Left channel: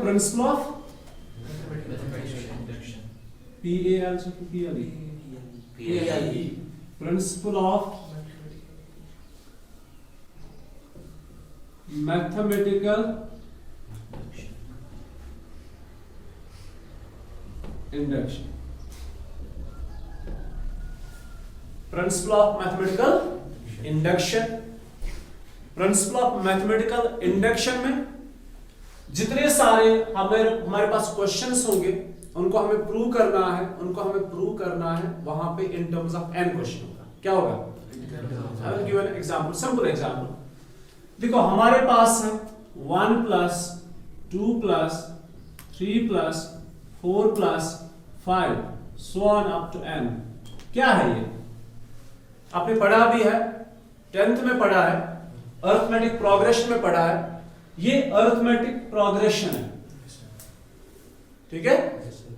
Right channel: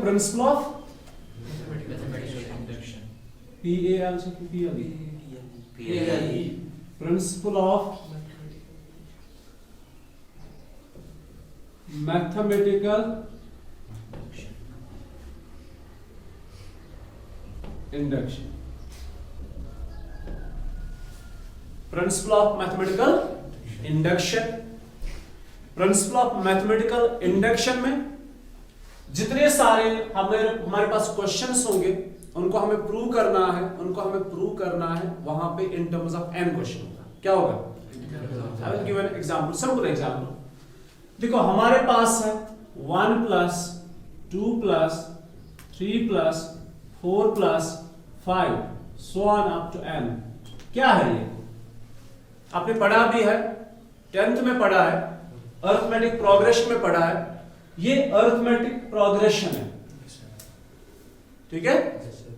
Principle of PAL से PLE principle of mathematical induction, principle of mathematical induction. Principle of mathematical induction में जितने सारे हमारे पास questions होंगे उनको हमें प्रूव करना है वहां पे in terms of n question होगा। क्या होगा? I will give an example, simple example. देखो हमारे पास है 1 plus 2 plus 3 plus 4 plus 5 so on up to n। क्या है ये? आपने पढ़ा भी है, 10th में पढ़ा है, अरिथमेटिक प्रोग्रेशन में पढ़ा है। ये अरिथमेटिक प्रोग्रेशन है, ठीक है?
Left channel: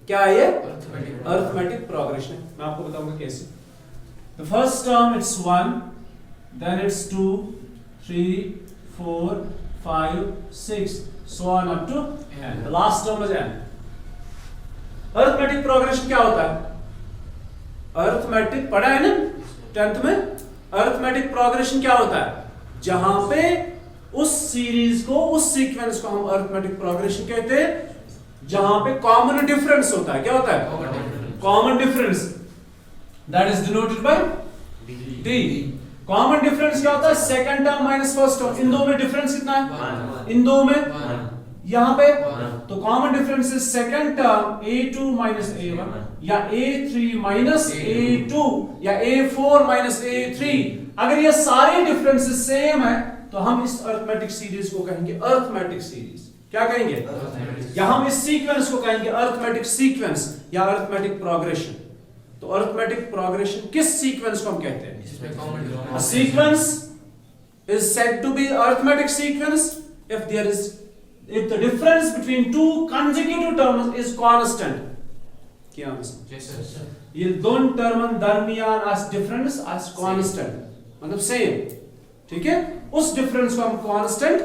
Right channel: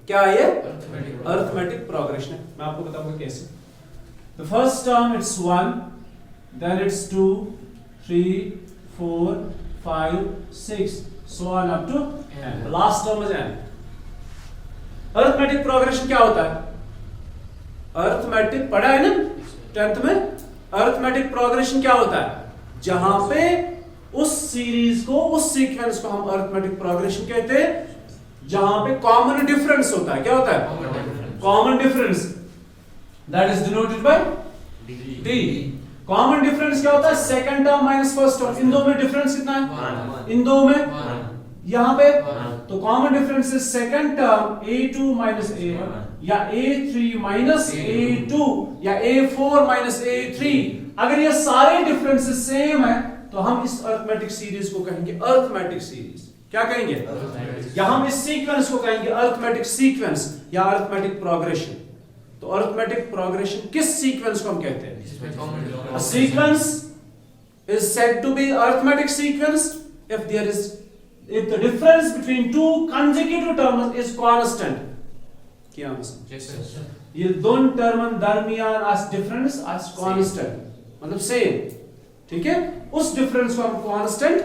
क्या है ये? अरिथमेटिक प्रोग्रेशन है। मैं आपको बताऊंगा कैसे। The first term it's 1, then it's 2 3 4 5 6 so on up to n. The last term is n. Arithmetic progression क्या होता है? अरिथमेटिक पढ़ा है ना 10th में? अरिथमेटिक प्रोग्रेशन क्या होता है? जहां पे उस सीरीज को, उस सीक्वेंस को हम अरिथमेटिक प्रोग्रेशन कहते हैं जहां पे कॉमन डिफरेंस होता है। क्या होता है? Common difference, that is denoted by d। Common difference क्या होता है? Second term minus first term. इन दो में डिफरेंस कितना है? इन दो में, यहां पे तो common difference is second term a2 minus a1 या a3 माइनस a2 या a4 माइनस a3। अगर ये सारे डिफरेंसेस सेम है तो हम इस अरिथमेटिक सीरीज को कहेंगे अरिथमेटिक सीरीज। क्या कहेंगे? या हम इस सीक्वेंस को कहेंगे अरिथमेटिक सीक्वेंस या अरिथमेटिक प्रोग्रेशन। तो अरिथमेटिक प्रोग्रेशन किस सीक्वेंस को हम कहते हैं? A sequence is said to be arithmetic sequence if the difference between two consecutive terms is constant। क्या आंसर? ये दोनों टर्म दरमियान as difference as constant, मतलब सेम, ठीक है? उस डिफरेंस को हम कांस्टेंट,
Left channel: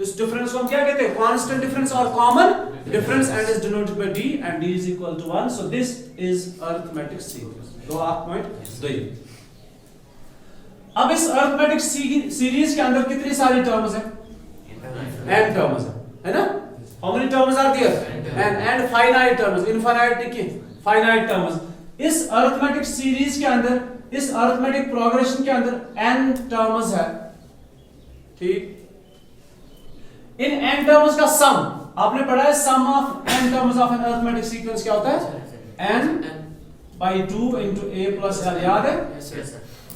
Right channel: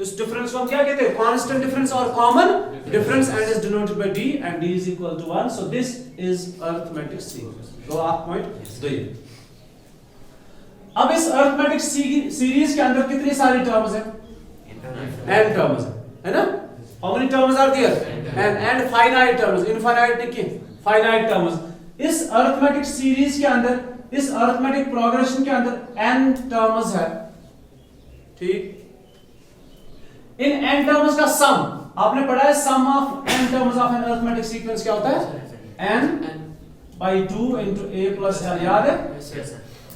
इस डिफरेंस को हम क्या कहते हैं? कांस्टेंट डिफरेंस और common difference, and is denoted by d and d is equal to 1। so this is arithmetic sequence। तो आप पॉइंट दिए। अब इस अरिथमेटिक सीरीज के अंदर कितनी सारी टर्म्स हैं? n टर्म्स है ना? How many terms are there? and finite terms, infinite नहीं, finite terms। इस अरिथमेटिक सीरीज के अंदर, इस अरिथमेटिक प्रोग्रेशन के अंदर n टर्म्स है, ठीक? इन n टर्म्स का सम आपने पढ़ा है। Sum of n terms of an arithmetic sequence क्या होता है? n by 2 into a plus l। याद है?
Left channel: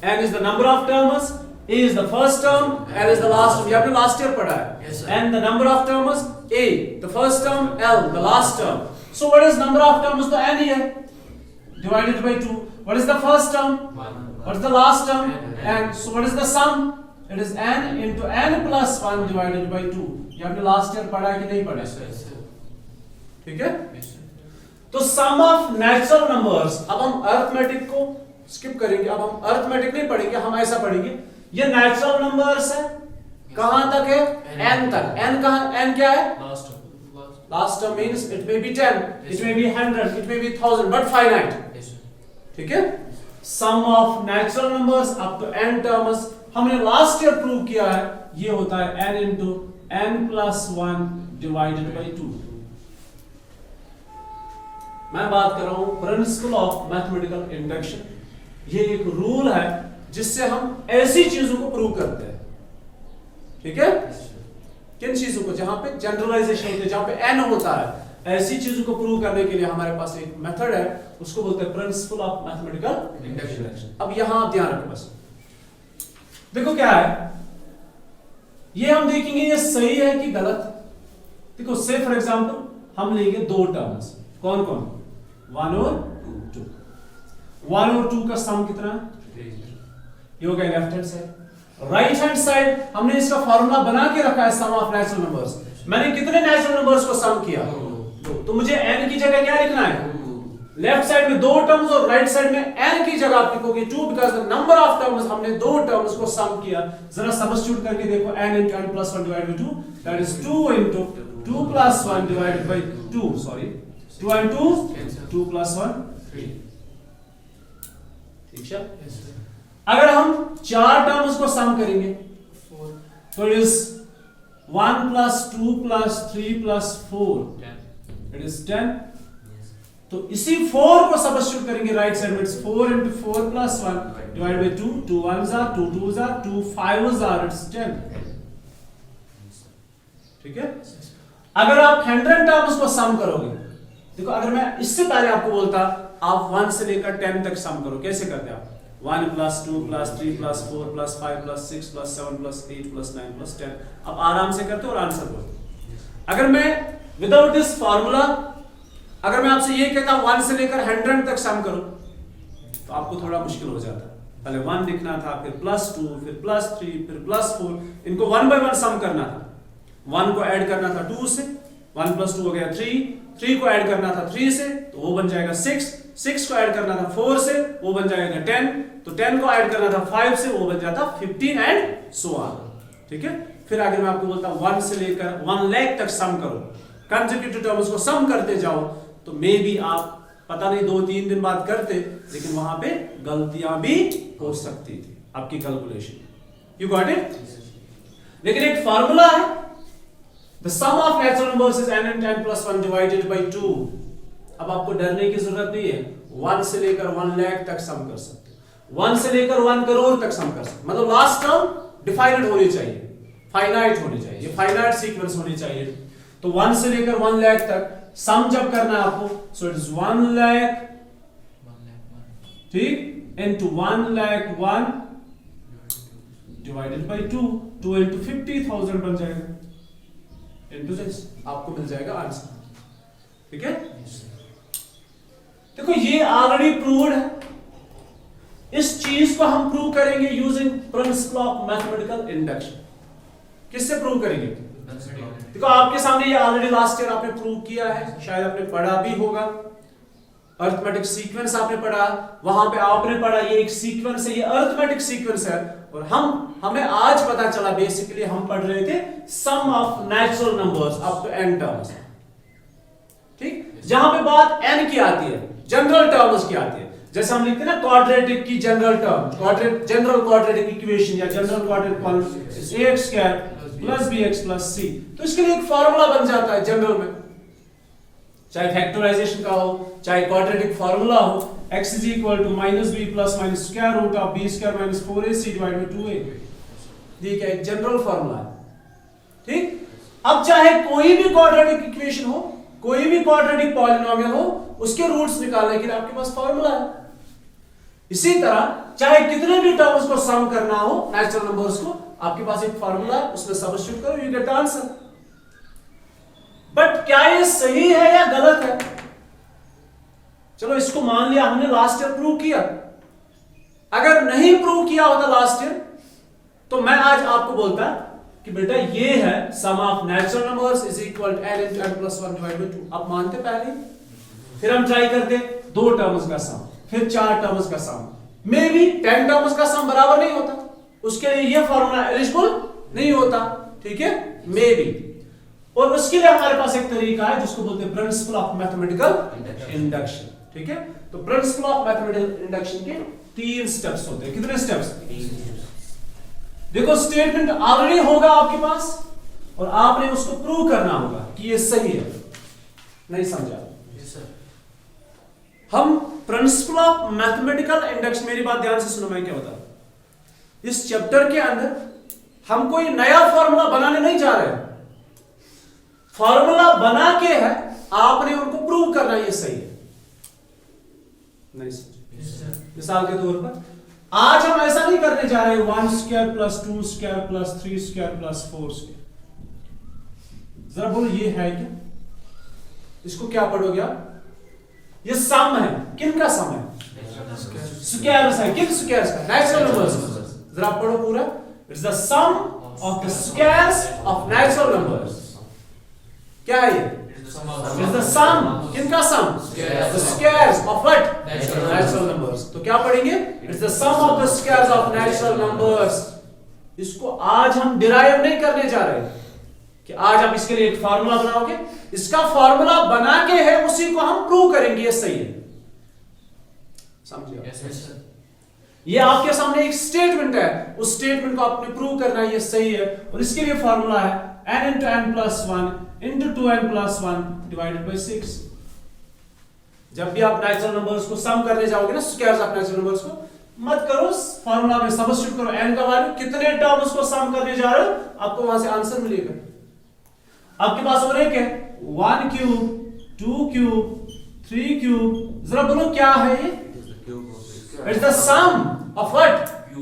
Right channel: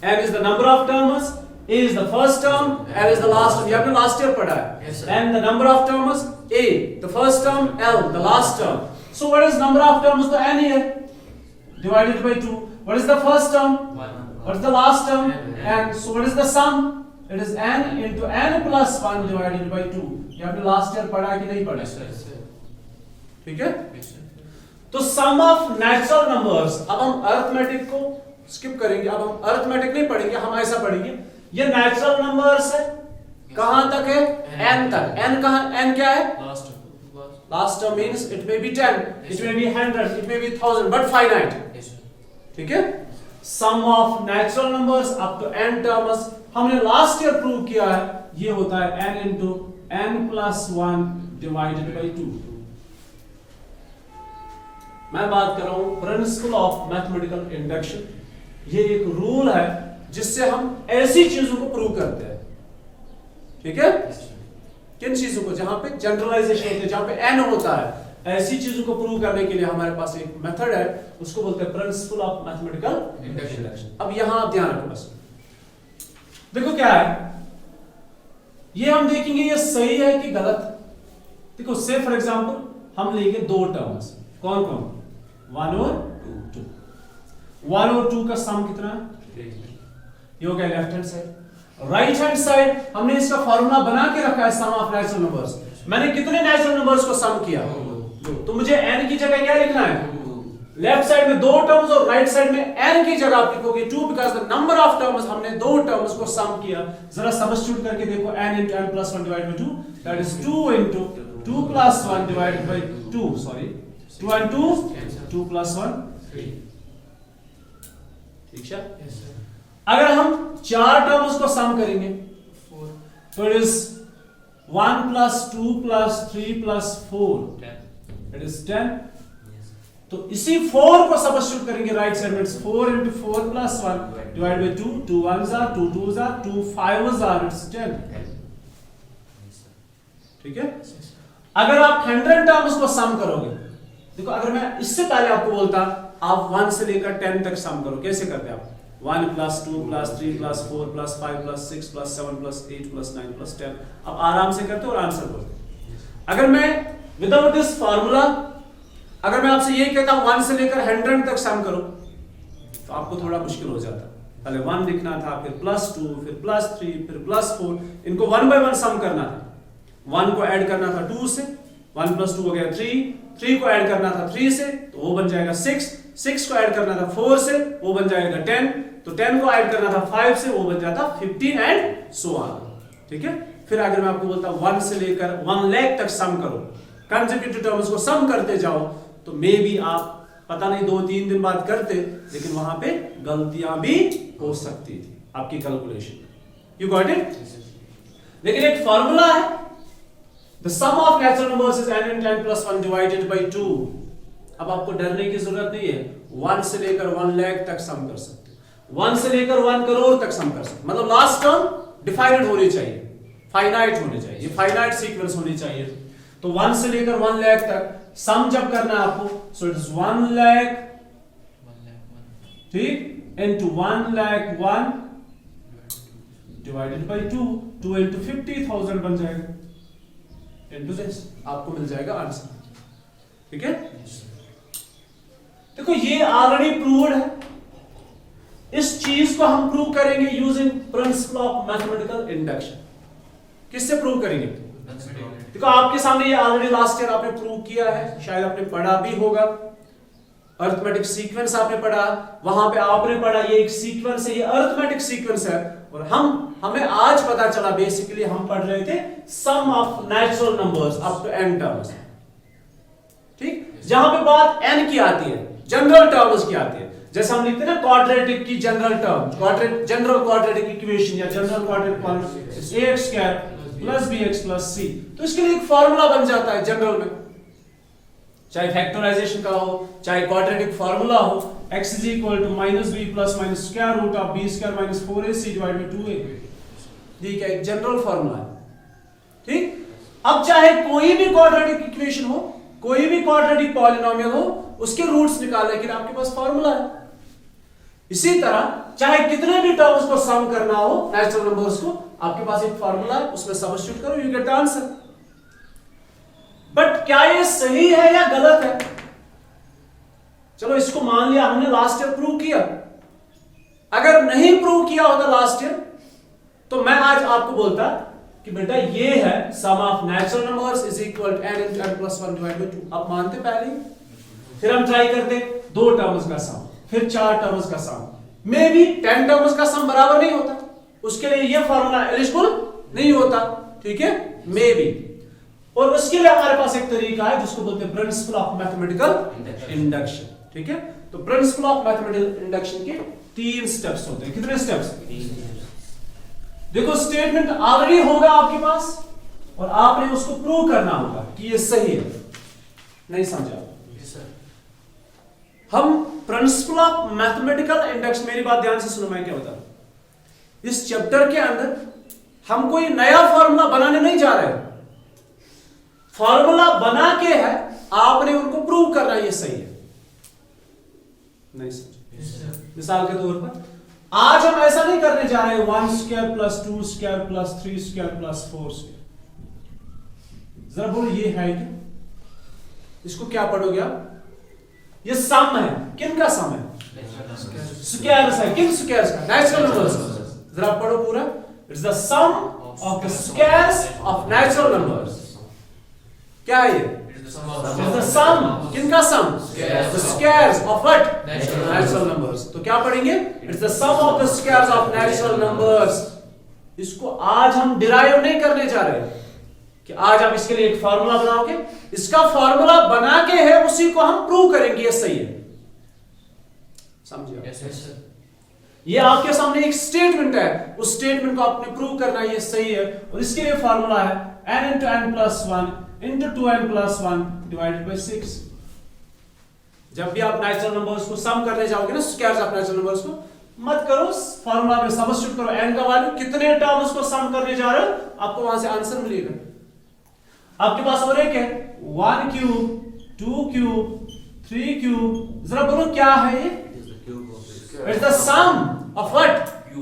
n is the number of terms, a is the first term, l is the last term। ये आपने लास्ट ईयर पढ़ा है। n the number of terms, a the first term, l the last term। so what is number of terms to n here? Divided by 2। what is the first term? what is the last term? n। so what is the sum? it is n into n plus 1 divided by 2। ये आपने last year पढ़ा है कि नहीं पढ़ा है? ठीक है? तो सम ऑफ नेचुरल नंबर्स, अब हम अरिथमेटिक को स्किप करेंगे, अब हम अरिथमेटिक नहीं पढ़ेंगे, हम ऐसा पढ़ेंगे ये नेचुरल नंबर्स है। कहां तक है? n तक। n कहां? n क्या है? Last term means it may be 10, it may be 100, it may be 1000, but finite. ठीक है? Sum of natural numbers up to n terms हमने लास्ट ईयर प्रूव किया है, ये होता है n into n plus 1 divided by 2। मैं बात कर रहा हूं प्रिंसिपल ऑफ मैथमेटिकल इंडक्शन। ये एक रूल है जिससे हम ऐसी चीजों को प्रूव करते हैं। ठीक है? किन चीजों को? जहां पे जनरलाइजेशन होती है, जहां पे n होता है, ऐसी चीजों को प्रूव करने के लिए हमारे पास एक मेथड है, उसको बोलते हैं प्रिंसिपल ऑफ मैथमेटिकल इंडक्शन। अब यहां आप ध्यान रखो बस। देखो क्या है, ये हम देखेंगे ये सही है कि गलत। देखो से फॉर एग्जांपल हम लेंगे दो टर्म्स, कौन कौन? 1 और 2। 1 और 2 का सम कितना है? ये हो गया left hand side. Right hand side हमने इसका फॉर्मूला बना के रखा है सम ऑफ नेचुरल नंबर्स। मैंने कितने नेचुरल नंबर्स को सम किया? तो मुझे n की जगह क्या लिखना है? लेफ्ट साइड में 2 टर्म्स और राइट साइड में n की जगह आप लिखोगे 2 because the number of terms, हमने 2 टर्म्स को सम किया। जरा सब्स्टिट्यूट करके देखो, n into n plus 1 divided by 2 that is 2 into 2 plus 1 divided by 2, sorry, 2 and 2, 2 plus 1, 3. ठीक है? अगर हम चार टर्म्स को सम करेंगे तो इट इज 1 plus 2 plus 3 plus 4, it is 10. तो इसी 4 को सब्स्टिट्यूट करेंगे राइट साइड में, 4 into 4 plus 1 divided by 2, 2 1s are 2 2s are 2 5s are, it's 10. ठीक है? अगर आप 100 टर्म्स को सम करोगे, देखो अगर मैं इससे पहले आपको बोलता आप 1 से लेकर 10 तक सम करो, कैसे करते आप? 1 plus 2 plus 3 plus 4 plus 5 plus 6 plus 7 plus 8 plus 9 plus 10, आप आराम से करते हो और आंसर बोलते. अगर मैं विदाउट दिस फॉर्मूला, अगर मैं आपसे ये कहता हूं 1 से लेकर 100 तक सम करो, तो आपको थोड़ा मुश्किल हो जाता. पहले 1 लिखना था, फिर +2, फिर +3, फिर +4, इनको 1 by 1 सम करना था. 1 को ऐड करना था 2 से, 1 plus 2 हो गया 3 को ऐड करना था 3 से, तो वो बन जाएगा 6 को ऐड करना था 4 से, वो बन जाएगा 10, तो 10 को ऐड करना था 5 से, वो बन जाता 15 एंड सो ऑन. ठीक है? फिर अगर मैं आपको बोलता 1 से लेकर 1 लाख तक सम करो, कंसेक्यूटिव टर्म्स को सम करते जाओ, तो मे बी आप पता नहीं 2-3 दिन बाद करते, लेकिन वहां पे गलतियां भी हो सकती थी आपकी कैलकुलेशन. You got it? लेकिन एक फॉर्मूला है, the sum of natural numbers is n and n plus 1 divided by 2. अब आपको डरने की जरूरत नहीं है, 1 से लेकर 1 लाख तक सम कर सकते हो, 1 से लेकर 1 करोड़ तक सम कर सकते हो. मतलब लास्ट टर्म डिफाइनेड होनी चाहिए, फाइनाइट होनी चाहिए, फाइनाइट सीक्वेंस होनी चाहिए. तो 1 से लेकर 1 लाख तक सम जब करना है आपको, सो इट इज 1 लाख, ठीक, into 1 lakh 1 divided by 2 into 50,000 बन जाएगा, into this आपको मिल जाएगा आंसर. ठीक है? देखो ये ऑलरेडी प्रूव्ड है. इस चीज को हम प्रूव करेंगे using principle of mathematical induction. किससे प्रूव करेंगे? देखो आपके सामने ये ऑलरेडी लास्ट ईयर आपने प्रूव किया है, शायद आपने पढ़ा भी होगा. अरिथमेटिक सीक्वेंस आपने पढ़ा, वहां पे आपने पढ़ा ये एक सीक्वेंस है, ये अरिथमेटिक सीक्वेंस है. और हमें आज पता चला बेसिकली हम पढ़ रहे थे sum of natural numbers up to n terms. ठीक? जहां पे बात n की आती है, जनरल टर्म्स की आती है, जैसे हम लिखते हैं ना क्वाड्रेटिक की general term, general quadratic equation या general quadratic polynomial ax square plus bx plus c, तो इसके लिए एक फार्मूला बन जाता है जनरल में, चाहे फैक्टराइजेशन का हो, चाहे क्वाड्रेटिक फार्मूला हो, x is equal to -b plus minus square root of b square minus 4ac divided by 2a. ये क्या एक जनरल फार्मूला है. ठीक? अब चाहे कोई भी क्वाड्रेटिक इक्वेशन हो, कोई भी क्वाड्रेटिक पॉलिनोमियल हो, उसके रूट्स निकालने के लिए आपके पास फार्मूला है. इसी तरह चाहे कितने भी टर्म्स को सम करना हो नेचुरल नंबर्स को, आपके पास एक फार्मूला है, उसमें सब्स्टिट्यूट करो, यू गेट आंसर. बट क्या ये सही है या गलत है? चलो इसको मान लिया हमने लास्ट ईयर प्रूव किया. अगर नहीं प्रूव किया होता लास्ट ईयर, तो मैं आज आपको बोलता कि बेटा ये है sum of natural numbers is equal to n into n plus 1 divided by 2. आप मानते पहले, फिर हम ट्राई करते 2 टर्म्स का सम, फिर 4 टर्म्स का सम, मे बी 10 टर्म्स का सम बराबर नहीं होता, उसके लिए ये फॉर्मूला एलिजिबल नहीं होता. ठीक है? May be. और उसके लिए हमारे पास एक तरीका है जिसको बोलते हैं प्रिंसिपल ऑफ मैथमेटिकल इंडक्शन. ठीक है? तो प्रिंसिपल ऑफ मैथमेटिकल इंडक्शन के 3 स्टेप्स होते हैं. कितने स्टेप्स? 3. देखो स्टेटमेंट ऑलरेडी होगा आपके पास और आपने उसको प्रूव करना होगा कि ये सही है. नहीं समझा? हम प्रिंसिपल ऑफ मैथमेटिकल इंडक्शन, मेरी बात ध्यान से सुनो, मैं क्या बता रहा हूं. इस चैप्टर के अंदर हम कोई नया फॉर्मूला बनाने नहीं जा रहे हैं. फॉर्मूला बना के है, आपने उनको प्रूव करना ये सही है. नहीं समझे? मिसाल के तौर पर आज हम ऐसा नहीं करने जा रहे 1 square plus 2 square plus 3 square plus 4 square. जरा बोलो ये है क्या? इसको क्या पढ़ोगे आप? ये सम है. किन का सम है? स्क्वायर्स है. किन स्क्वायर्स का? Natural numbers. जरा पढ़ो पूरा. It's the sum of the squares of natural numbers. क्या है ये? It's the sum. किनका sum? The squares of what? Natural numbers. तो क्या पढ़ेंगे? It's the sum of the squares of natural numbers. इसको आज हम डिराइव नहीं करने जा रहे. कि आज आप इसके लिए एक फॉर्मूला बनाओगे, इसका फॉर्मूला बना के है उसी को हम प्रूव करेंगे ये सही है। समझिए? ये आपके सामने एक स्टेटमेंट है, उस स्टेटमेंट को आपने प्रूव करना है ये सही है, और इसके लिए फॉर्मूला है n into n plus 1 into 2n plus 1 divided by 6। जब भी आप नेचुरल नंबर्स को सम करने जाओगे ना, स्क्वायर्स ऑफ नेचुरल नंबर्स को, मत करो फॉर्मूला में सब्स्टिट्यूट करो n का वैल्यू, कितने टर्म्स को सम करने जा रहे हो आपको वहां से आंसर मिलेगा। आपके पास और एक है 1 क्यूब 2 क्यूब 3 क्यूब, जरा बोलो क्या है ये? It's the sum of what?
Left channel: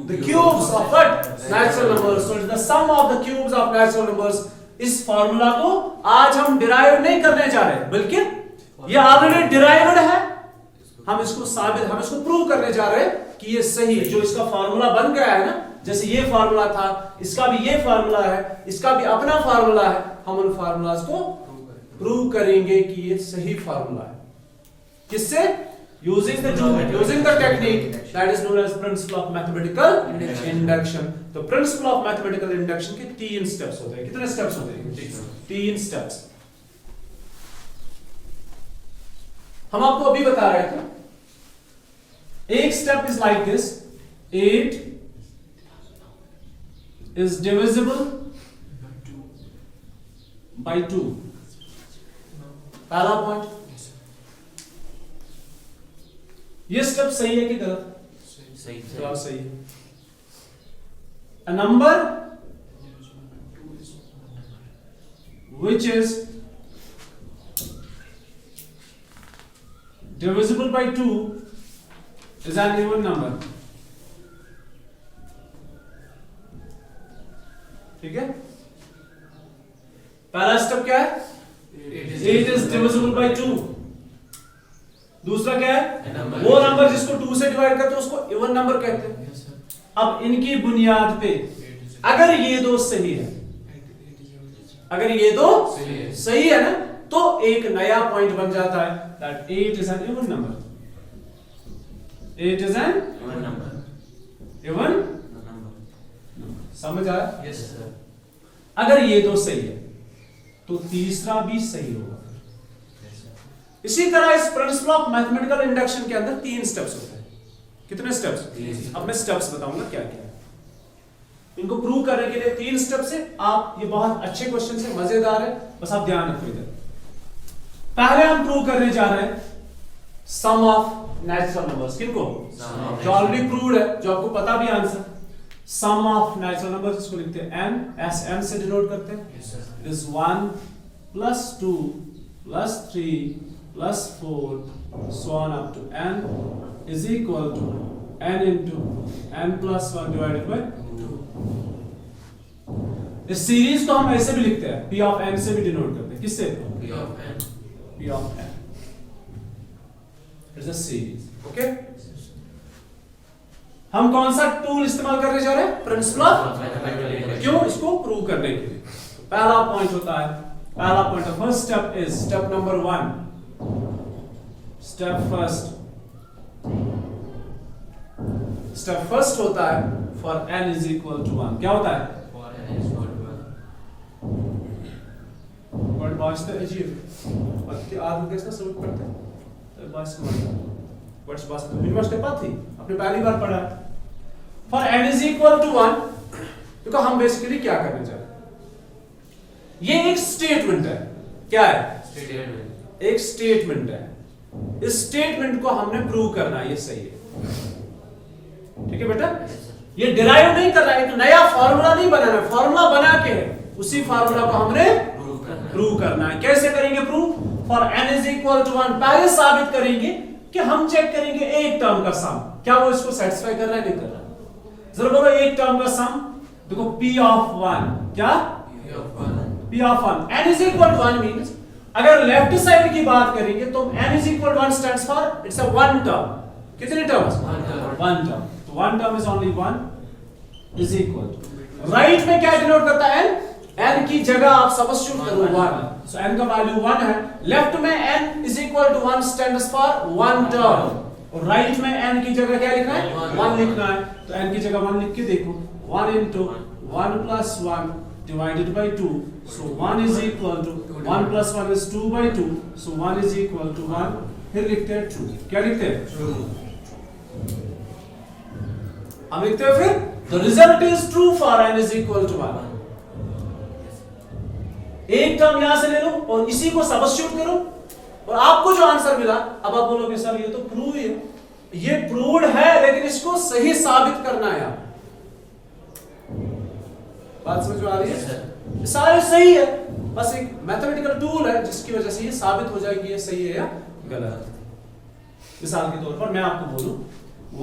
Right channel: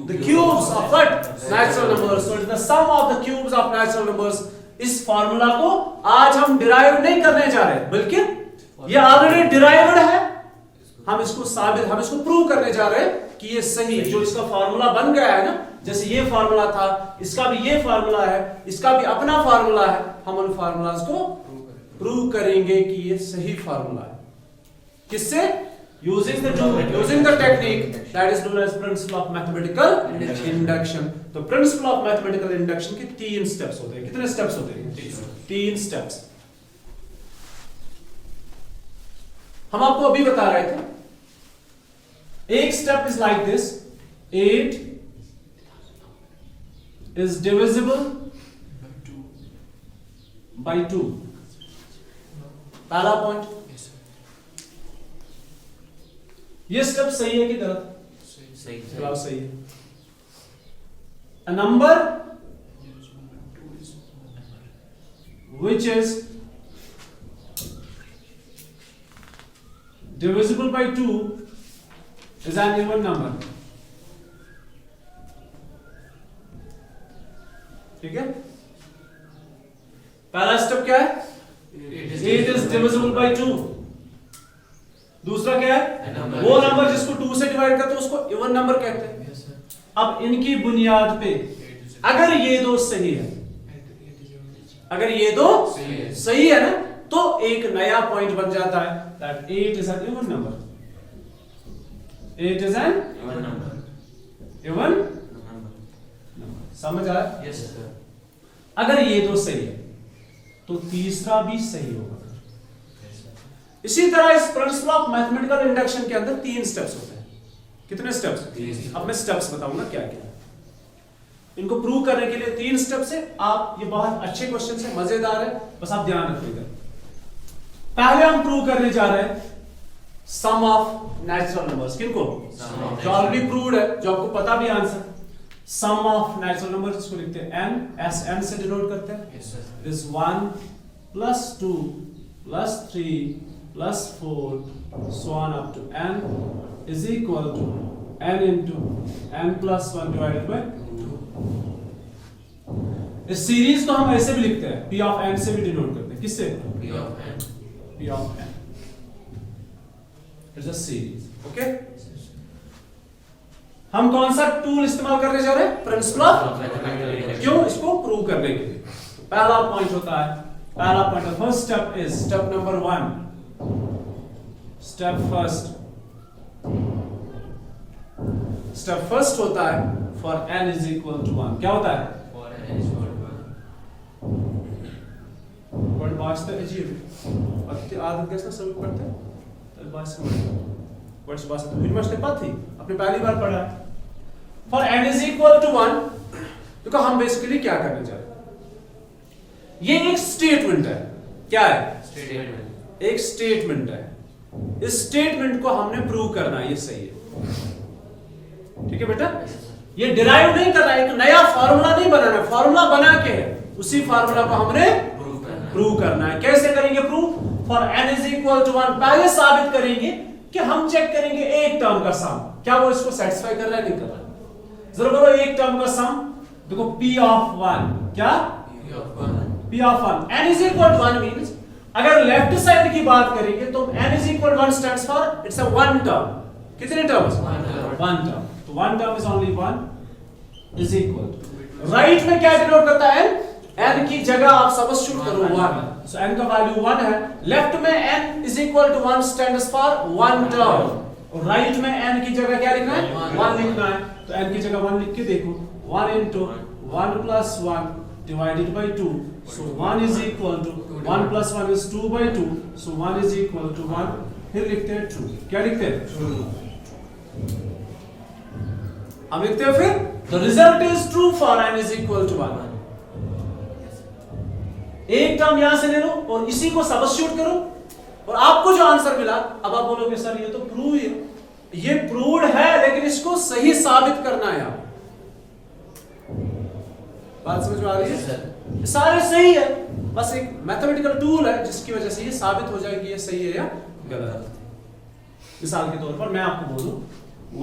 The cubes of what? Natural numbers. So it's the sum of the cubes of natural numbers. इस फॉर्मूला को आज हम डिराइव नहीं करने जा रहे, बल्कि ये ऑलरेडी डिराइव्ड है, हम इसको प्रूव करने जा रहे हैं कि ये सही है। जो इसका फॉर्मूला बन गया है ना, जैसे ये फॉर्मूला था, इसका भी ये फॉर्मूला है, इसका भी अपना फॉर्मूला है, हम उन फॉर्मूलाज को प्रूव करेंगे कि ये सही फॉर्मूला है। किससे? using the technique that is known as principle of mathematical induction। तो principle of mathematical induction के 3 steps होते हैं। कितने steps होते हैं? 3 steps। हम आपको अभी बता रहे थे, एक step is like this: 8 is divisible by 2। पहला पॉइंट, ये स्टेप सही है कि गलत? सही है। A number which is divisible by 2 is an even number। ठीक है? पहला स्टेप क्या है? 8 is divisible by 2। दूसरा क्या है? वो नंबर जिसको 2 से डिवाइड करते हैं उसको इवन नंबर कहते हैं। अब इनकी बुनियाद पे अगर ये दो सही है, अगर ये दो सही है ना, तो एक नया पॉइंट बन जाता है that 8 is an even number। 8 is an even number। समझ आया? Yes sir. अगर ये दो सही है तो तीसरा भी सही होगा। इसी तरह इस प्रिंसिपल ऑफ मैथमेटिकल इंडक्शन के अंदर 3 स्टेप्स होते हैं। कितने स्टेप्स? 3। अब मैं स्टेप्स बताऊंगा क्या क्या है। इनको प्रूव करने के लिए 3 स्टेप्स है। आप, ये बहुत अच्छे क्वेश्चन है, मजेदार है, बस आप ध्यान रखो इधर। पहले हम प्रूव करने जा रहे हैं सम ऑफ नेचुरल नंबर्स। किनको? जो ऑलरेडी प्रूव्ड है, जो आपको पता भी answer. Sum of natural numbers, इसको लिखते हैं n, s n से डिनोट करते हैं। इट इज 1 plus 2 plus 3 plus 4 so on up to n is equal to n into n plus 1 divided by 2। इस सीरीज को हम ऐसे भी लिखते हैं, p of n से भी डिनोट करते हैं। किससे? p of n। It's a series. Okay, हम कौन सा टूल इस्तेमाल करने जा रहे हैं? Principle of mathematical. क्यों? इसको प्रूव करने के लिए। पहला पॉइंट होता है, पहला point, first step is step number 1। Step first होता है for n is equal to 1। क्या होता है? बाजता अजीब आपकी आदत देखना शुरू करते हैं, तो बात समझना वर्ड्स बाजता यूनिवर्सिटी पाती अपने पहली बार पढ़ा है। For n is equal to 1, देखो हम बेसिकली क्या करने जा रहे हैं, ये एक स्टेटमेंट है। क्या है? स्टेटमेंट। एक स्टेटमेंट है। इस स्टेटमेंट को हमने प्रूव करना है ये सही है। ठीक है बेटा, ये डिराइव नहीं करना, एक नया फॉर्मूला नहीं बनाना, फॉर्मूला बना के उसी फॉर्मूला को हमने प्रूव करना है। कैसे करेंगे prove? For n is equal to 1 पहले साबित करेंगे कि हम चेक करेंगे एक टर्म का सम, क्या वो इसको सेटिस्फाई कर रहा है, नहीं कर रहा है। जरा बोलो एक टर्म का सम। देखो p ऑफ 1, क्या? p of 1, n is equal to 1 means अगर लेफ्ट साइड की बात करेंगे तो n is equal 1 stands for it's a one term. कितने टर्म्स? One term. तो one term is only 1 is equal. Right में क्या डिनोट करता है? n की जगह आप सब्स्टिट्यूट करो 1, सो n का वैल्यू 1 है। लेफ्ट में n is equal to 1 stands for one term, और राइट में n की जगह क्या लिखना है? 1 लिखना है। तो n की जगह 1 लिख के देखो, 1 into 1 plus 1 divided by 2. So 1 is equal to 1 plus 1 is 2 by 2. So 1 is equal to 1. फिर लिखते हैं true. क्या लिखते हैं? True. अब लिखते हैं फिर the result is true for n is equal to 1. एक टर्म यहां से ले लो और इसी को सब्स्टिट्यूट करो और आपको जो आंसर मिला, अब आप बोलोगे सर ये तो प्रूव है, ये प्रूव्ड है लेकिन इसको सही साबित करना है। बात समझ में आ रही है? सारे सही है, बस एक मैथमेटिकल टूल है जिसकी वजह से ये साबित हो जाए कि ये सही है या गलत। मिसाल के तौर पर मैं आपको बोलूं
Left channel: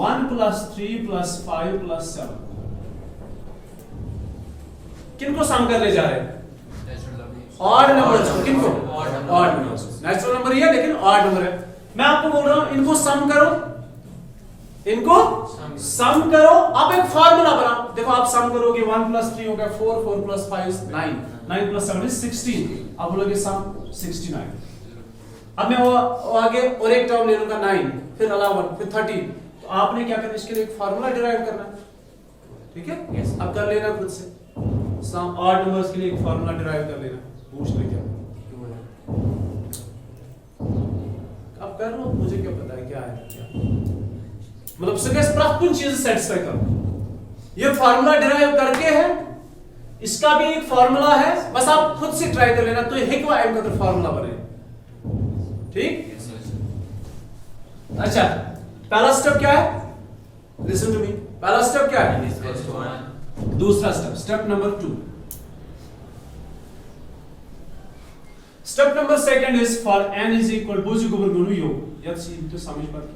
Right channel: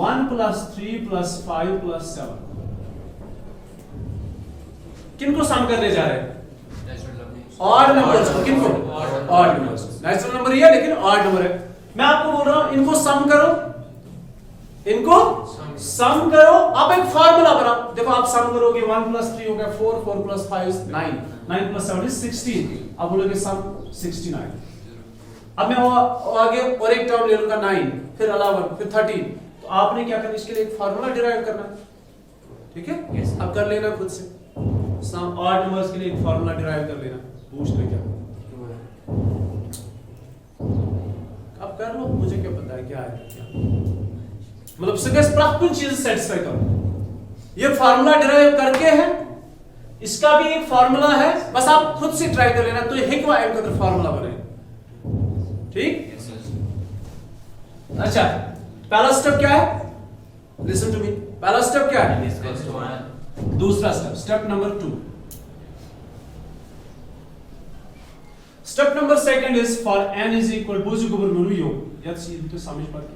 1 + 3 + 5 + 7 किनको सम करने जा रहे हैं? ऑड नंबर्स को। किनको? Odd numbers. नेचुरल नंबर ही है लेकिन ऑड नंबर है। मैं आपको बोल रहा हूं इनको सम करो, इनको सम करो। आप एक फार्मूला बनाओ, देखो आप सम करोगे 1 + 3 हो गया 4, 4 + 5 is 9, 9 + 7 is 16। आप बोलोगे सम 69। अब मैं वो आगे और एक टर्म ले लूंगा 9, फिर 11, फिर 13। तो आपने क्या करना, इसके लिए एक फार्मूला डिराइव करना है, ठीक है? yes. अब कर लेना खुद से, सम ऑड नंबर्स के लिए एक फार्मूला डिराइव कर लेना। पूछ ले क्या अब कर लो, मुझे क्या पता है क्या है क्या, मतलब सगळ्यात प्राथमिक चीज सेटिस्फाई करो। ये फार्मूला डिराइव करके है, इसका भी एक फार्मूला है, बस आप खुद से ट्राई कर लेना तो ये व एम का फार्मूला बने, ठीक? अच्छा, पहला स्टेप क्या है? Listen to me. पहला स्टेप क्या है? दूसरा step, step number 2। Step number 2 is for n is equal to योग। याद सी तो समझ पाते।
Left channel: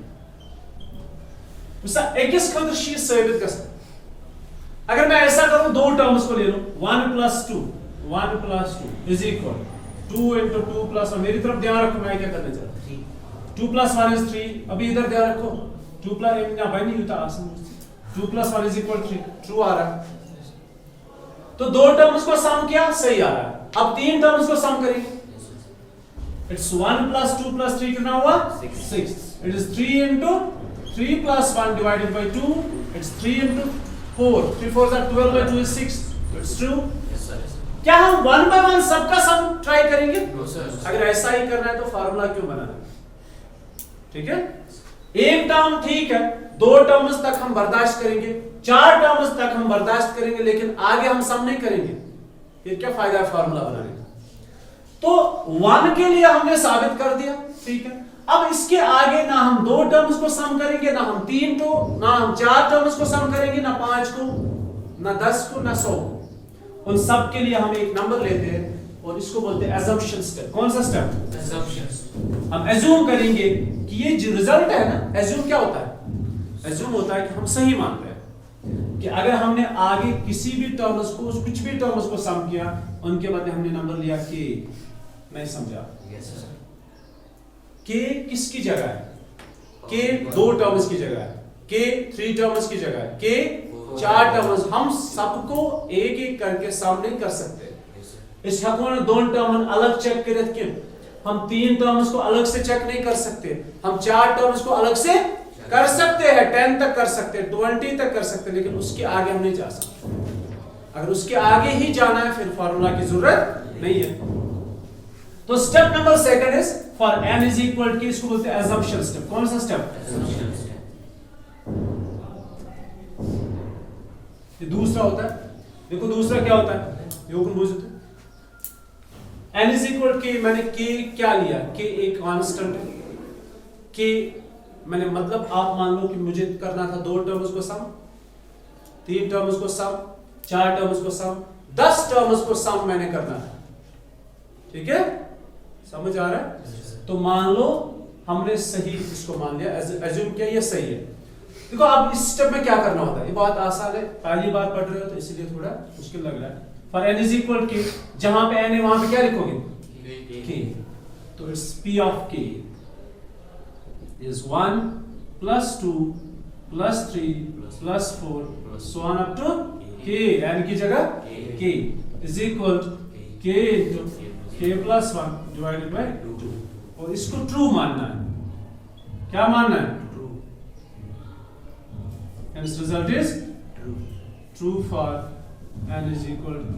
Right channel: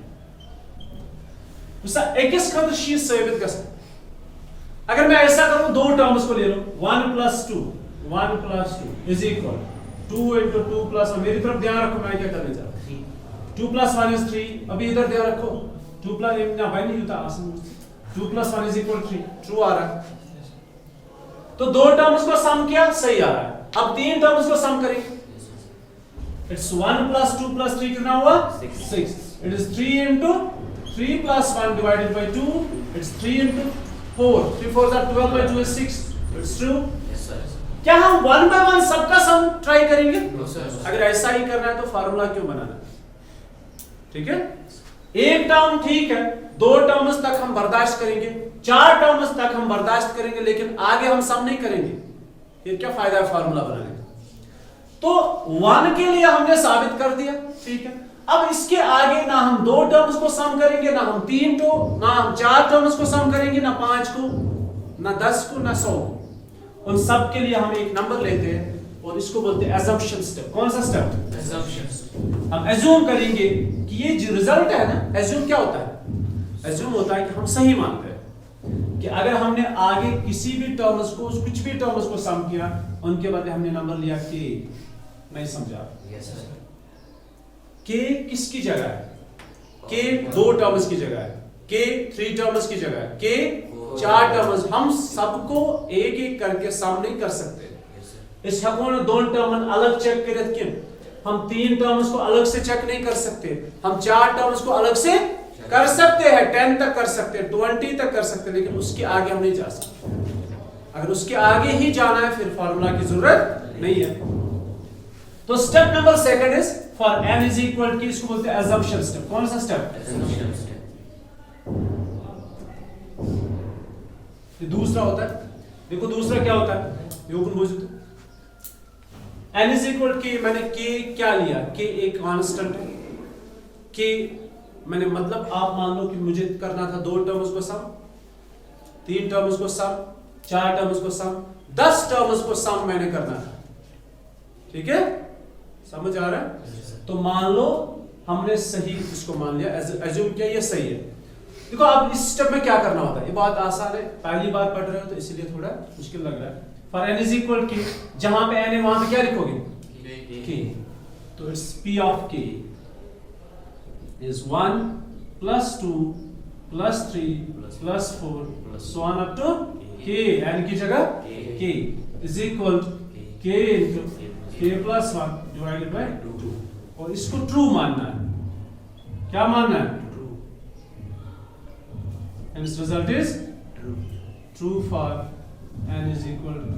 उसका एक इस खंड शीट साबित कर सकते। अगर मैं ऐसा करूं, दो टर्म्स को ले लो, 1 + 2 is equal 2 × 2 + 1। मेरी तरफ ध्यान रखो, मैं क्या करने जा रहा हूं। 2 + 1 is 3। अभी इधर ध्यान रखो, 2 + ना भाई नहीं होता आसान। 2 + 1 is equal 3, ट्रू आ रहा है। तो दो टर्म्स को सम किया, सही आ रहा है। अब तीन टर्म्स को सम करेंगे। It's 1 + 2 + 3 कितना हुआ? 6। It is 3 × 3 + 1 divided by 2. It's 3 × 4. 3 4s are 12 by 2 is 6. It's true? Yes sir. क्या हम 1 by 1 सबका सम ट्राई करेंगे? No sir. अगर ऐसा ही करना है तो फार्मूला क्यों बनाना? ठीक है? एक टर्म ठीक है, दो टर्म्स तक हम बर्दाश्त करेंगे, चार टर्म्स तक हम बर्दाश्त करेंगे, लेकिन आगे हम सम नहीं करेंगे। ये क्या फायदा है फार्मूला बनाने का? तो 1 के लिए हमने साबित कर दिया, ठीक है? अब इसके आगे ना हम दो टर्म्स को सम करेंगे, ना हम तीन को, ना हम चार टर्म्स को सम करेंगे, ना 5 को, ना 10 को, ना 100। उन सब के लिए हम एक नंबर लेते हैं और इसको बोलते हैं assumption step। कौन सा स्टेप? assumption। हम assume करेंगे कि ये जो रिजल्ट है ना, assume क्या होता है? assume होता है कि हम सही मानते हैं कि अगर हमने आगे किसी भी टर्म्स को, कुछ भी टर्म्स को सम किया, उनके बाद हमने नंबर लिया k। नहीं समझा? yes, k किसकी जगह है? k दो टर्म्स की जगह है, k 3 टर्म्स की जगह है, k 4 टर्म्स। हम सबको एक एक करके सम नहीं कर सकते। इस हकों दोन टर्म अलग चेक करे कि हम 3 टर्म्स को अलग से चेक नहीं कर सकते, हम 4 टर्म्स को अलग से कर सकते हैं, 10 तक कर सकते हैं, 20 तक कर सकते हैं, लेकिन उसके आगे हम नहीं जा सकते। अगर उसके आगे ही जाना है फिर फार्मूला की जरूरत नहीं है। तो step number 2 is for n is equal to, इसको बोलते हैं assumption स्टेप। कौन सा स्टेप? assumption step. ये दूसरा होता है। देखो दूसरा क्या होता है, ये कौन पूछते? n इज इक्वल k, मैंने k क्या लिया? k एक कांस्टेंट है। k मैंने मतलब आप मान लो कि मुझे करना था 2 टर्म्स को सम, 3 टर्म्स को सम, 4 टर्म्स को सम, 10 टर्म्स को सम मैंने करना था, ठीक है? समझ आ रहा है? तो मान लो हमने सही इसको मान लिया, एज्यूम किया ये सही है। देखो अब इस स्टेप में क्या करना होता है, ये बहुत आसान है, पहली बार पढ़ रहे हो तो इसीलिए थोड़ा मुश्किल लग रहा है। For n is equal k, जहां पे n है वहां पे क्या लिखोगे? k। तो it's p of k is 1 + 2 + 3 + 4 so on up to k, n की जगह k is equal to k into k + 1 divided by 2। और इसको ट्रू मानना है। क्या मानना है? True. and its result is true for n is equal to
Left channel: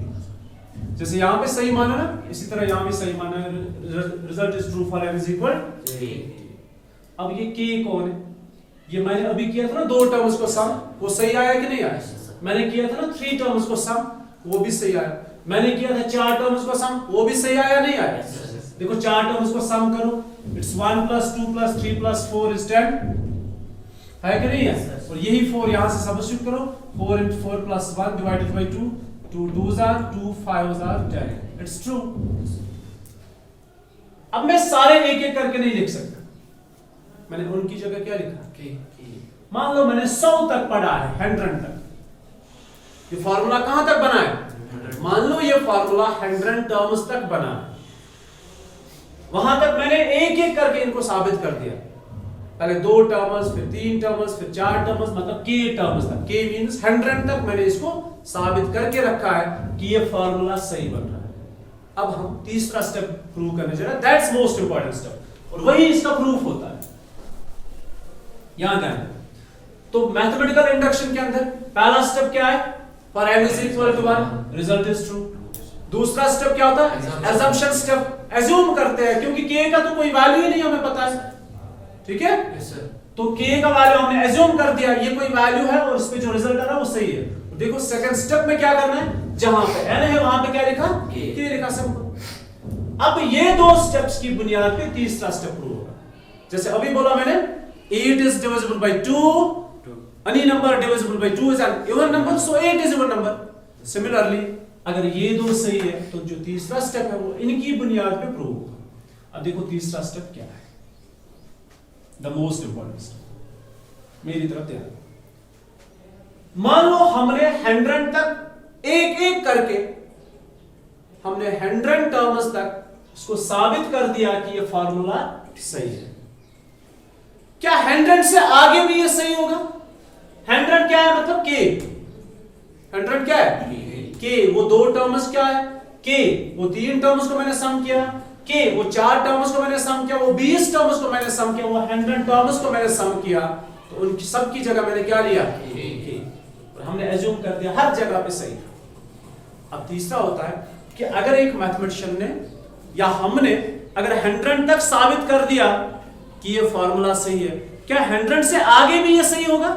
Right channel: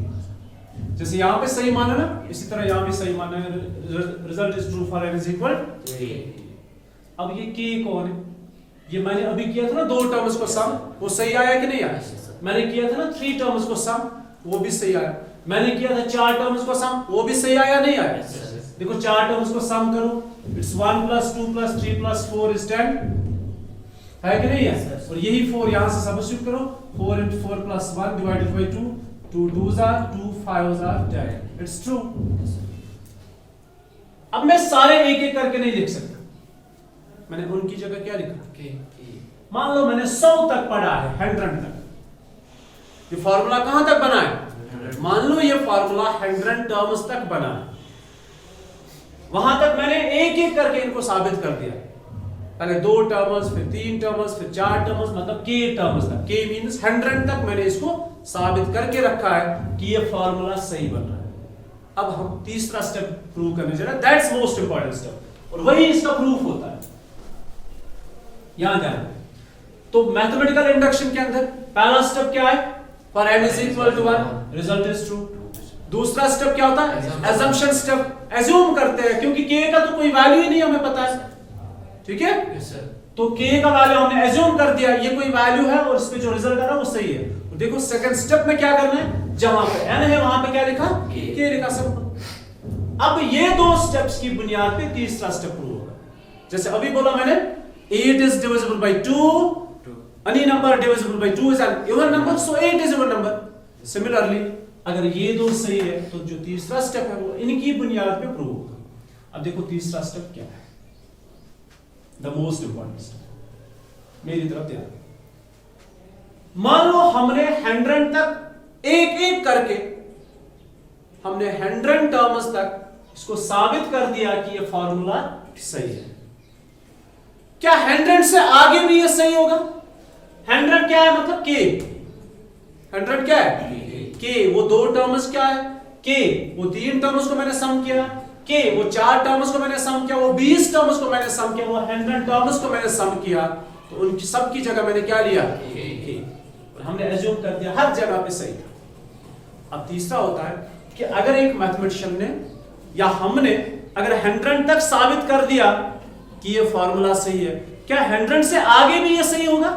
k। जैसे यहाँ पे सही माना ना, इसी तरह यहाँ भी सही माना, result is true for n is equal. अब ये k कौन है? ये मैंने अभी किया था ना 2 टर्म्स को सम, वो सही आया कि नहीं आया? मैंने किया था ना 3 टर्म्स को सम, वो भी सही आया। मैंने किया था 4 टर्म्स को सम, वो भी सही आया नहीं आया? देखो 4 टर्म्स को सम करो, इट्स 1 + 2 + 3 + 4 is 10 है कि नहीं है? और यही 4 यहां से सब्स्टिट्यूट करो, 4 × 4 + 1 divided by 2, 2 2s are 2 5s are 10, it's true. अब मैं सारे एक एक करके नहीं लिख सकता, मैंने उनकी जगह क्या लिखा? मान लो मैंने 100 तक पढ़ा है, 100 तक। ये फार्मूला कहां तक बना है? मान लो ये फार्मूला 100 टर्म्स तक बना है, वहां तक मैंने एक एक करके इनको साबित कर दिया। पहले 2 टर्म्स, फिर 3 टर्म्स, फिर 4 टर्म्स, मतलब k टर्म्स तक। k मींस 100 तक मैंने इसको साबित करके रखा है कि ये फार्मूला सही बन रहा है। अब हम तीसरा स्टेप प्रूव करने जा रहे हैं, दैट्स मोस्ट इंपॉर्टेंट स्टेप, और वही इसका प्रूफ होता है। यहां ध्यान, तो मैथमेटिकल इंडक्शन के अंदर पहला स्टेप क्या है? For n is equal to 1 result is true. दूसरा स्टेप क्या होता है? assumption step. एज्यूम करते हैं, क्योंकि k का तो कोई वैल्यू ही नहीं हमें पता है, ठीक है? तो k का वैल्यू हमने एज्यूम कर दिया, ये कोई वैल्यू है और इसमें जो रिजल्ट आ रहा है वो सही है। तो देखो सेकंड स्टेप में क्या करना है, जहां पे n है वहां पे क्या लिखा? k लिखा, सिंपल। अब ये 2 स्टेप्स की बुनियाद पे तीसरा स्टेप प्रूव होगा। जैसे अभी बोला मैंने 8 is divisible by 2, any number divisible by 2 is an even number, so 8 is even number. Similarly, अगर ये 2 सही है तो जो तीसरा स्टेप है वो इनकी बुनियाद पे प्रूव होगा। अब देखो तीसरा स्टेप क्या है, द मोस्ट इंपॉर्टेंट स्टेप, मेरी तरफ ध्यान। मान लो हमने 100 तक एक एक करके हमने 100 टर्म्स तक इसको साबित कर दिया कि ये फार्मूला सही है। क्या 100 से आगे भी ये सही होगा? 100 क्या है? मतलब k। 100 क्या है? k। वो 2 टर्म्स क्या है? k। वो 3 टर्म्स को मैंने सम किया, k। वो 4 टर्म्स को मैंने सम किया, वो 20 टर्म्स को मैंने सम किया, वो 100 टर्म्स को मैंने सम किया, तो उनकी सबकी जगह मैंने क्या लिया? k। और हमने एज्यूम कर दिया हर जगह पे सही। अब तीसरा होता है कि अगर एक मैथमेटिशियन ने या हमने अगर 100 तक साबित कर दिया कि ये फार्मूला सही है, क्या 100 से आगे भी ये सही होगा?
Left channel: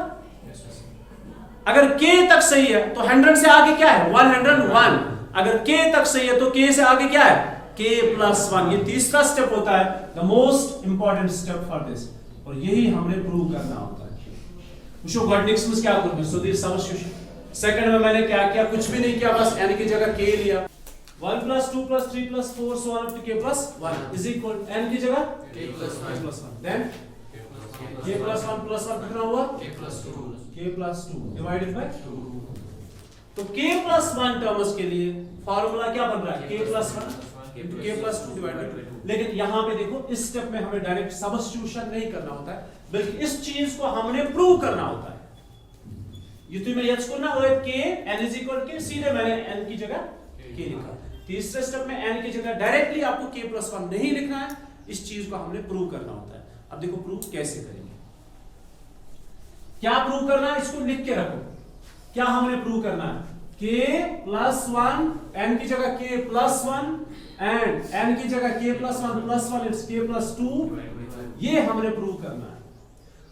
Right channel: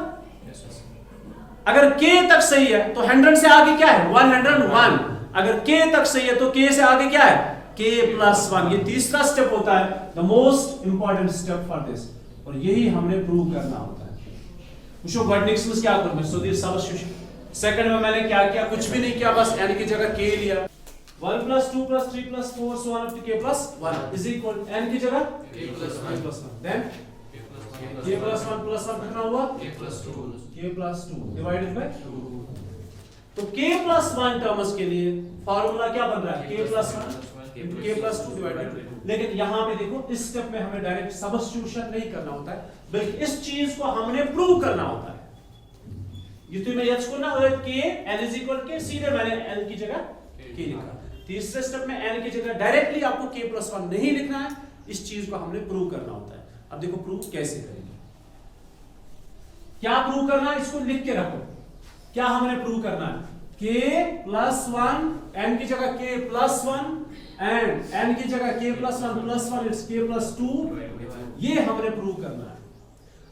अगर k तक सही है तो 100 से आगे क्या है? 101। अगर k तक सही है तो k से आगे क्या है? k + 1। ये तीसरा स्टेप होता है, the most important step for this, और यही हमने प्रूव करना होता है। पूछो नेक्स्ट में क्या करना है? So this substitution. सेकंड में मैंने क्या किया? कुछ भी नहीं किया, बस n की जगह k लिया। 1 + 2 + 3 + 4 so on up to k + 1 is equal n की जगह k + 1। then k + 1 + 1 कितना हुआ? k + 2 divided by 2। तो k + 1 टर्म्स के लिए फार्मूला क्या बन रहा है? k + 1 k + 2 divided by 2। लेकिन यहां पे देखो इस स्टेप में हमें डायरेक्ट सब्स्टिट्यूशन नहीं करना होता है, बल्कि इस चीज को हमने प्रूव करना होता है। ये तो मैं याद करना k n = k, सीधे मैंने n की जगह k लिखा। तीसरे स्टेप में n की जगह डायरेक्टली आपको k + 1 नहीं लिखना है, इस चीज को हमने प्रूव करना होता है। अब देखो प्रूव कैसे करेंगे, क्या प्रूव करना है, इसको लिख के रखो। क्या हमने प्रूव करना है? k + 1, n की जगह k + 1 एंड n की जगह k + 1 + 1 इट्स k + 2। ये हमने प्रूव करना है।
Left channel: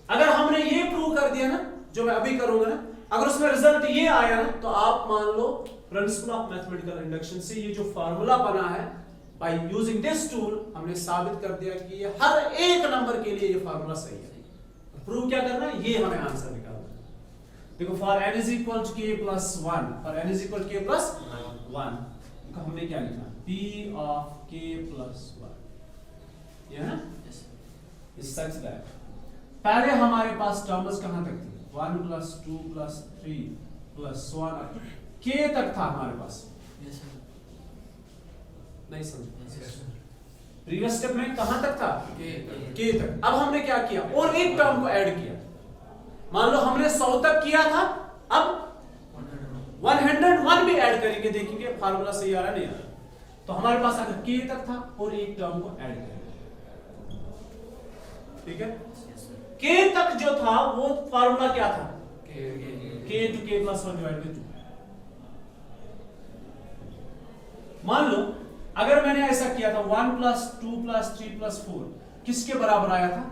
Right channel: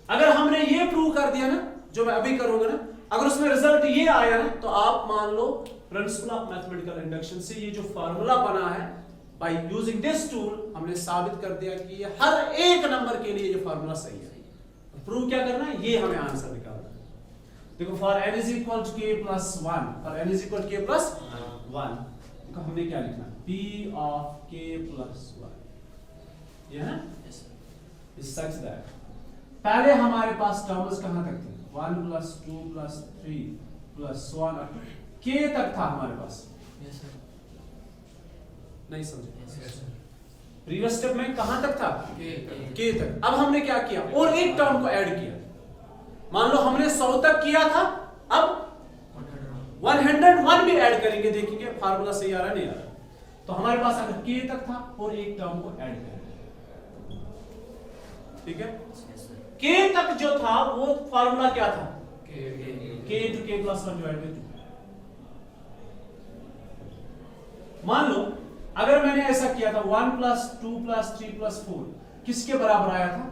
अगर हमने ये प्रूव कर दिया ना, जो मैं अभी करूंगा ना, अगर उसमें रिजल्ट ये आया ना, तो आप मान लो प्रिंसिपल ऑफ मैथमेटिकल इंडक्शन से ये जो फार्मूला बना है, बाय यूजिंग दिस टूल हमने साबित कर दिया कि ये हर एक नंबर के लिए ये फार्मूला सही है। तो प्रूव क्या करना है? ये हमें आंसर निकालना है। देखो for n = k + 1, for n = k + 1, देखो हमने क्या लिखा? p of k + 1, ये है ना? इस सच दैट पहले हमारे पास टर्म्स कहां तक थी? 1 + 2 + 3 + 1 up to k तक था हमारे पास। Yes sir. नहीं समझ? Yes sir. प्रीवियस स्टेप में कहां तक था? k तक। अब हमने क्या किया? और एक टर्म को ऐड किया। मान लो हमने 100 तक किया था, अब 101 भी ऐड करेंगे, देखेंगे फार्मूला सही आ रहा है नहीं आ रहा। तो हमारे पास अगर k तक था और एक टर्म को ऐड करेंगे, ठीक है? k तक जो था वो फार्मूला क्या था? k × k + 1 divided by 2। मान लो अगर मैंने ऐसा किया था 1 + 2 + 3 + 4 किसके बराबर आया था?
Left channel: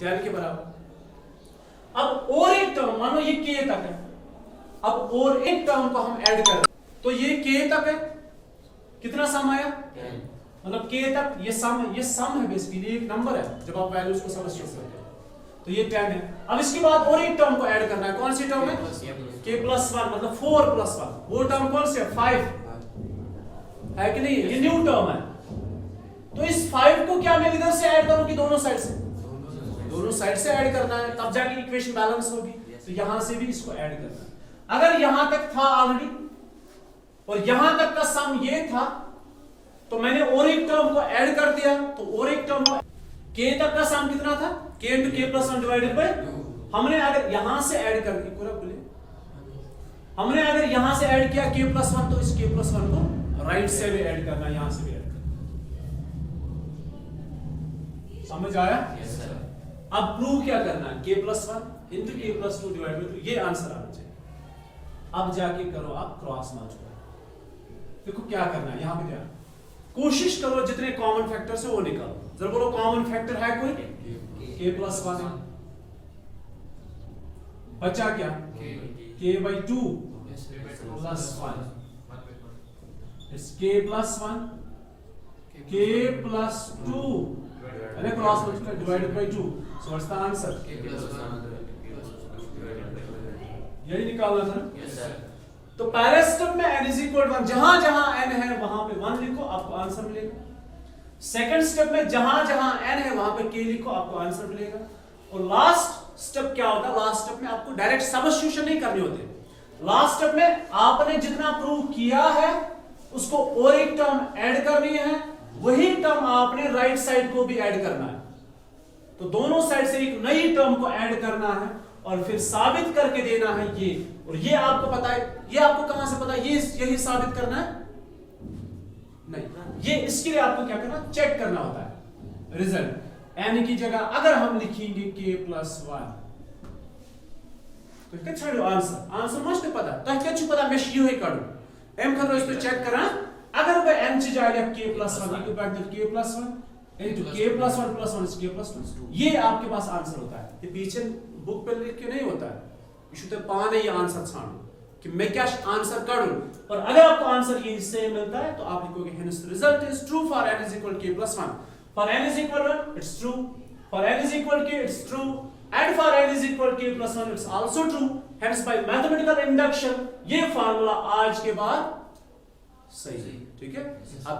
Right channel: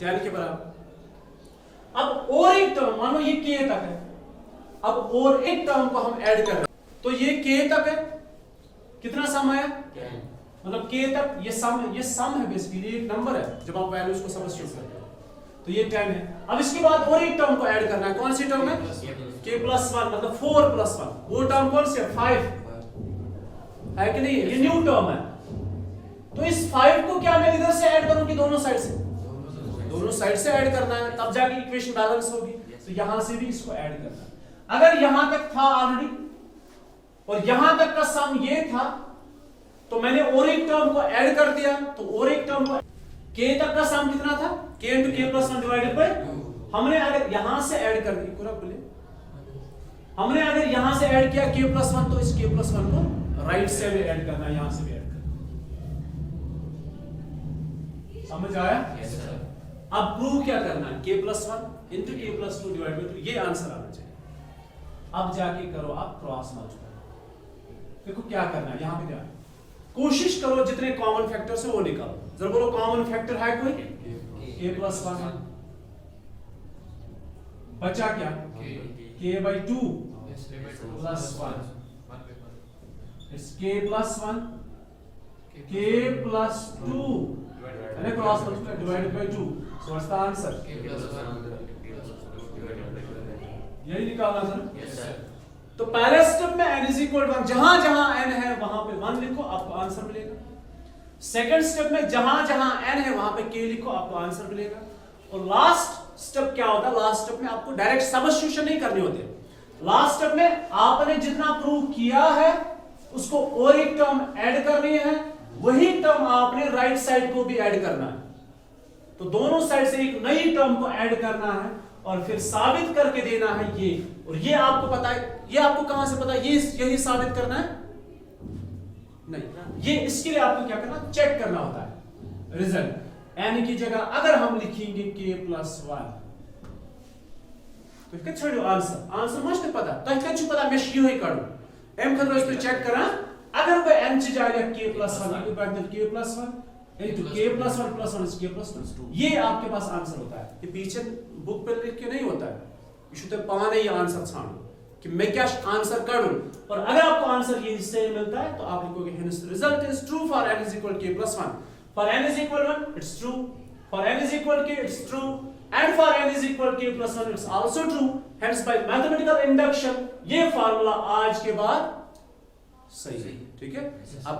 10 के बराबर। अब और एक टर्म, मानो ये k तक है, अब और एक टर्म को हम ऐड कर रहे हैं तो ये k तक है, कितना सम आया? मतलब k तक ये सम है बेसिकली, एक नंबर है जब आप वैल्यूज को समझ सकते हैं। तो ये 10 है। अब इसके बाद और एक टर्म को ऐड करना है, कौन सी टर्म है? k + 1 मतलब 4 + 1। वो टर्म कौन सी है? 5 है कि नहीं? ये न्यू टर्म है। तो इस 5 को क्या मैं इधर से ऐड करूं कि दोनों साइड से? दोनों साइड से ऐड करना है, तब जाके इक्वेशन बैलेंस होगी। तो यहां से भी इसको ऐड करना है। अगर यहां तक था ऑलरेडी और यहां तक का सम ये था तो मैंने और एक टर्म को ऐड कर दिया, तो और एक टर्म को k तक का सम कितना था? k × k + 1 डिवाइडेड बाय, हमने अगर यहां से ऐड कर दी, पूरा बोलिए, हमने अगर यहां से ऐड किया k + 1 तो इस k + 1 को राइट से भी ऐड करना, यहां से भी ऐड करना। समझ आया? Yes sir. अब प्रूव क्या करना है? k + 1 × k + 2 डिवाइड बाय 2, ये आंसर आना चाहिए। अब जाके करो आप क्रॉस मल्टीप्लाई। देखो क्या करना है, यहां पे ध्यान, कोशिश करो जितने कॉमन फैक्टर है वो निकालो। जरा बोलो कॉमन फैक्टर है कोई? k + 1 है, बचा क्या? k/2 + 1, it's k + 1 k + 2 and cross multiply divided by 2, so what's the answer? यही निकालना था। Yes sir. तो पहले स्टेप में n = 1, जहां जहां n है वहां पे 1 लिखो, आपको आंसर मिलेगा। सेकंड स्टेप में जहां जहां n है वहां पे k लिखो, आपको आंसर मिलेगा। और लास्ट स्टेप क्या होता है? लास्ट स्टेप में आपको डायरेक्ट सब्स्टिट्यूशन नहीं करनी होती। लास्ट स्टेप में आपने जितना प्रूव किया है उसको और एक टर्म ऐड करनी है, वही टर्म आपने राइट साइड को भी ऐड करना है। तो दोनों साइड से एक नई टर्म को ऐड करना है और फिर साबित करके देना है ये। और ये आपको पता है, ये आपको कहां से पता है? ये यही साबित करना है? नहीं, ये इसके लिए आपको क्या करना? चेक करना होता है रिजल्ट। n की जगह अगर हम लिखेंगे k + 1 तो क्या छड़ो आंसर मस्त पता तो क्या छु पता मैं यू ही करूं m खतरो इस पे चेक करा। अगर कोई n से जाएगा k + 1 equal to k + 1 into k + 1 + 1 is k + 2, ये आपके पास आंसर होता है। ये पीछे बुक पे लिख के नहीं होता है, इशू पाने ये आंसर छानो कि मैं क्या आंसर करूं। और अगर आपको आंसर ये इससे मिलता है तो आप लिखोगे hence the result is true for n = k + 1, for n = 1 it's true, for n = k it's true, and for n = k + 1 it's also true। hence by mathematical induction ये फार्मूला आज के बाद सही है। ठीक है, अब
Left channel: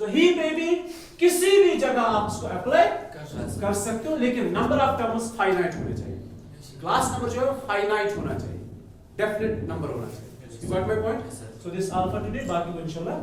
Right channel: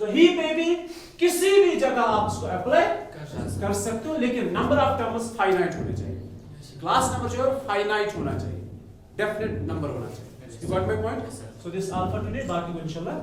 कहीं पे भी किसी भी जगह आप इसको अप्लाई कर सकते हो, लेकिन नंबर ऑफ टर्म्स फाइनाइट होने चाहिए। क्लास नंबर जो है फाइनाइट होना चाहिए, डेफिनेट नंबर होना चाहिए। Got my point? So this all for today, बाकी को इंशाल्लाह